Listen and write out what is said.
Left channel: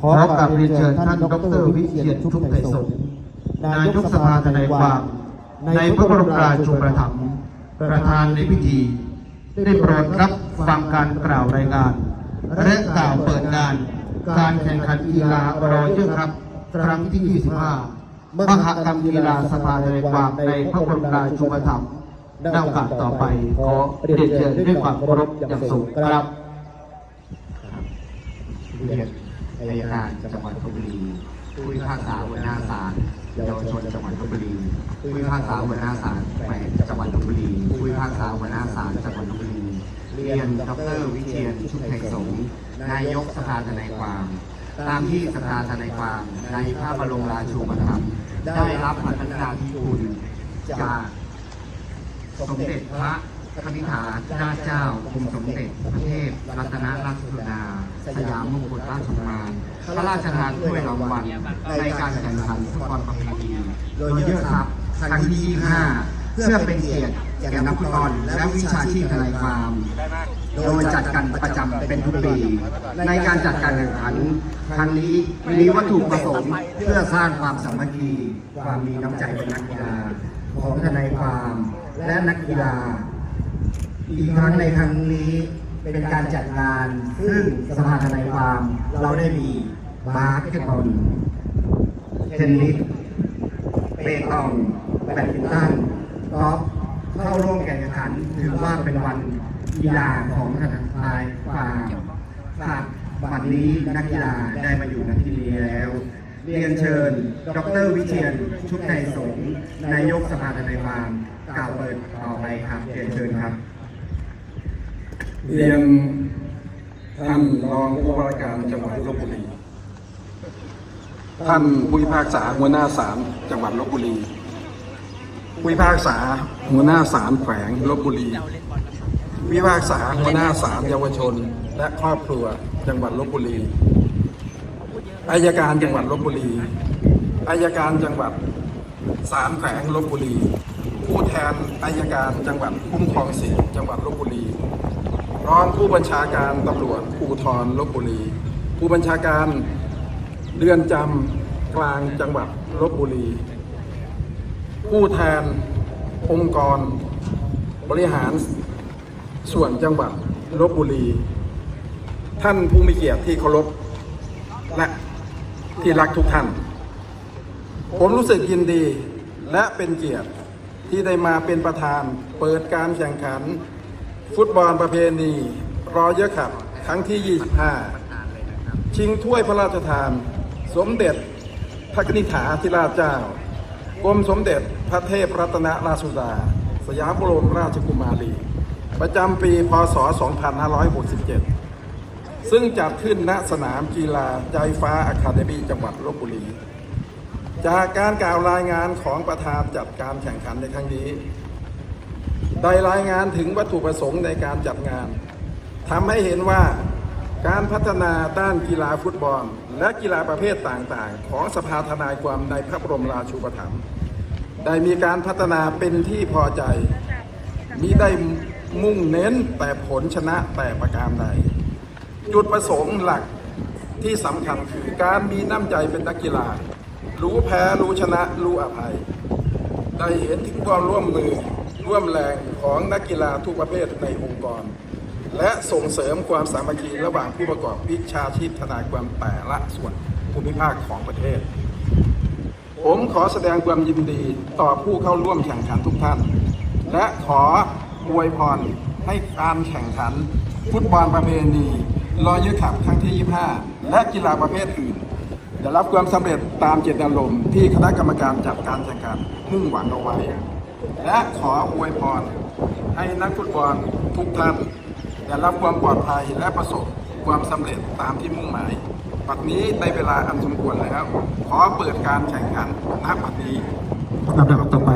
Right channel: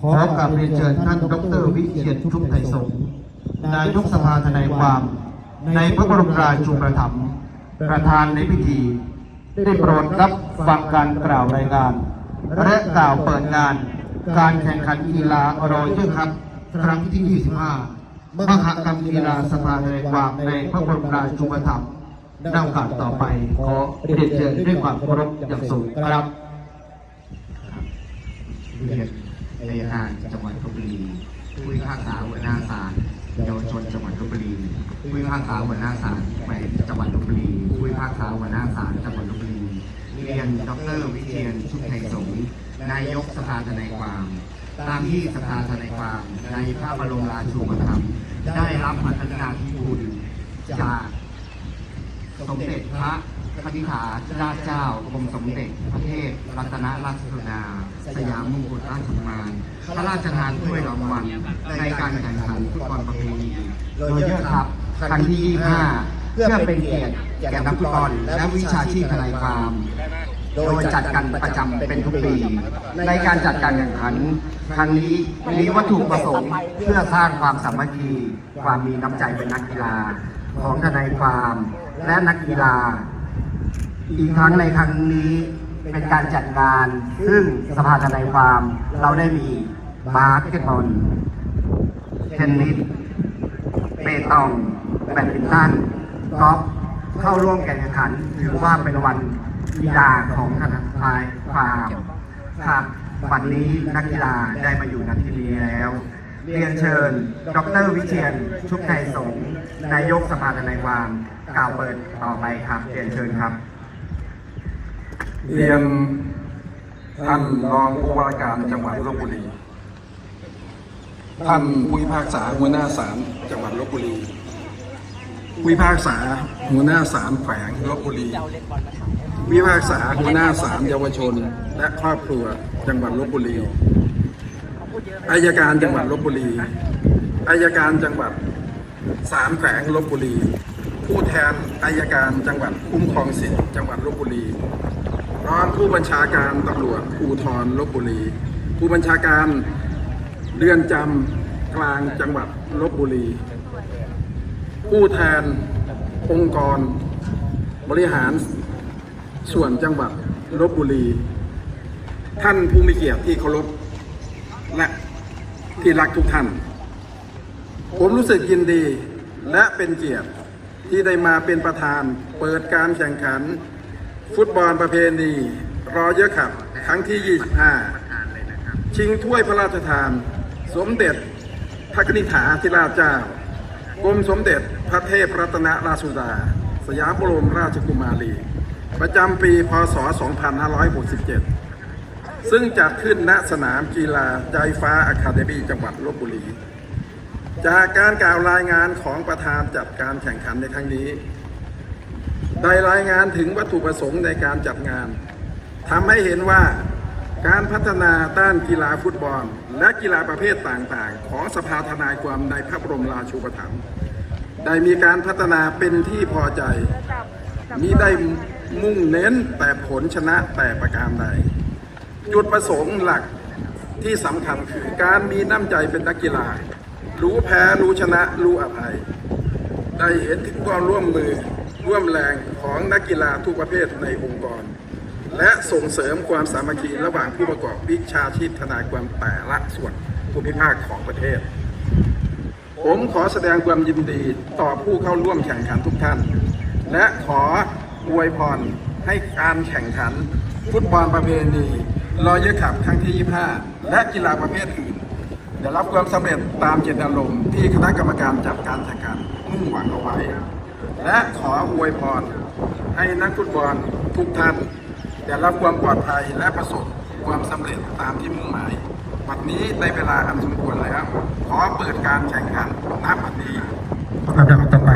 ขอกราบเรียนเชิญท่านดรวิเชียรชุบไทยสงฆ์นายกสภาทนายความ ในพระบรมราชูปถัมภ์ประธานในพิธี ได้โปรดรับฟังการกล่าวรายงาน และกล่าวเปิดงาน การแข่งขันกีฬารอยเรื่อครับ ครั้งที่ 25 มหกรรมกีฬาสภาทนายความในพระบรมราชูปถัมภ์ในโอกาสต่อไปขอเรียนเชิญด้วยความเคารพอย่างสูงครับ อายการจังหวัดลบบุรีผู้พิพากษาหัวหน้าศาลเยาวชนจังหวัดลบบุรีผู้พิพากษาหัวหน้าศาลแขวงจังหวัดลบบุรีผู้พิพากษาหัวหน้าศาลจังหวัดลบบุรีเรียนดรวิเชียนชุบไทยสงฆ์นายกสภาทนายความตามที่สภาทนายความในพระบรมราชูปถัมภ์ได้รับพัฒนาธิคุณจากสมเด็จพระ คณิษฐานราชเจ้ากรมสมเด็จพระเทพรัตนราชสุดา สยามมงกุฎราชกุมารพระราชทานถ้วยรางวัลในการแข่งขันฟุตบอลประเพณีโดยเยอะครับครั้งที่5เพื่อเป็นเกียรติแก่นักฟุตบอลและวิชาชีพทนายความโดยจัดกันประจำเป็นทุกปี ในการจัดการแข่งขันครั้งนี้มีวัตถุประสงค์เพื่อสร้างความสามัคคีความมีน้ำใจเป็นนักกีฬาของทนายความและนักกีฬา อีกครั้งในครั้งนี้เป็นการจัดงาน ซึ่งสภาทนายความเราได้มีบาสเกตบอลเทนนิสเปตองแบดมินตันกอล์ฟเข้าร่วมแข่งขันถือว่าเป็นวันกีฬาของทนายความครับวันนี้นักกีฬาได้มาอยู่ณที่นี้แล้ว เรียนเชิญ ดรวิเชียน ชุกไทยสงนายกสภาทนายความกล่าวเปิดต่อไปครับเรียนเชิญครับ เรียนท่านรองผู้ว่าราชการจังหวัดลบบุรี ท่านผู้พิพากษาหัวหน้าศาลจังหวัดลบบุรี ผู้พิพากษาหัวหน้าศาลแขวงลบบุรีผู้พิพากษาหัวหน้าศาลเยาวชน และครอบครัวจังหวัดลบบุรีอายการจังหวัดลบบุรีอายการจังหวัดศาลแขวงลบบุรี ผู้แทนอายการจังหวัดคุ้มครองสิทธิ์จังหวัดลบบุรี รองผู้บัญชาการตำรวจภูธรลบบุรี ผู้บัญชาการเรือนจำกลางจังหวัดลบบุรี ผู้แทนองค์กร บริหารส่วนจังหวัดลบบุรี ท่านผู้มีเกียรติที่เคารพและที่รักทุกท่าน ผมรู้สึกยินดีและเป็นเกียรติที่ได้มาเป็นประธานเปิดการแข่งขัน ฟุตบอลประเพณีรอเยอะขับ ครั้งที่ 25 ชิงถ้วยพระราชทาน สมเด็จพระนิษฐาธิราชเจ้ากรมสมเด็จพระเทพรัตนราชสุดา สยามบรมราชกุมารี ประจำปี พศ 2567 ซึ่งจัดขึ้นณสนามกีฬาใจฟ้าอะคาเดมีจังหวัดลบบุรี จากการกล่าวรายงานของประธานจัดการแข่งขันในครั้งนี้ ได้รายงานถึงวัตถุประสงค์ในการจัดงานทำให้เห็นว่าการพัฒนาด้านกีฬาฟุตบอล และกีฬาประเภทต่างๆ ของสภาทนายความในพระบรมราชูปถัมภ์ได้มีการพัฒนาเป็นที่พอใจมีได้มุ่งเน้นแต่ผลชนะแต่ประการใดจุดประสงค์หลักที่สำคัญคือการมีน้ำใจเป็นนักกีฬา รู้แพ้รู้ชนะรู้อภัย ได้เห็นถึงความร่วมมือ ร่วมแรงของนักกีฬาทุกประเภทในองค์กร และส่งเสริมความสามัคคีระหว่างผู้ประกอบวิชาชีพทนายความแต่ละส่วนภูมิภาคของประเทศ ผมขอแสดงความยินดีต่อผู้เข้าร่วมแข่งขันทุกท่าน และขออวยพรให้การแข่งขัน ฟุตบอลประเพณีรอยเยอขับครั้งที่ 25 และกีฬาประเภทอื่นได้รับความสำเร็จตามเจตนารมณ์ที่คณะกรรมการจัดการแข่งขันมุ่งหวังเอาไว้ และขออวยพรให้นักฟุตบอลทุกท่านได้รับความปลอดภัยและประสบความสำเร็จตามที่มุ่งหมายบัดนี้ในเวลาอันสมควรแล้ว ขอเปิดการแข่งขันณบัดนี้ลำดับต่อไป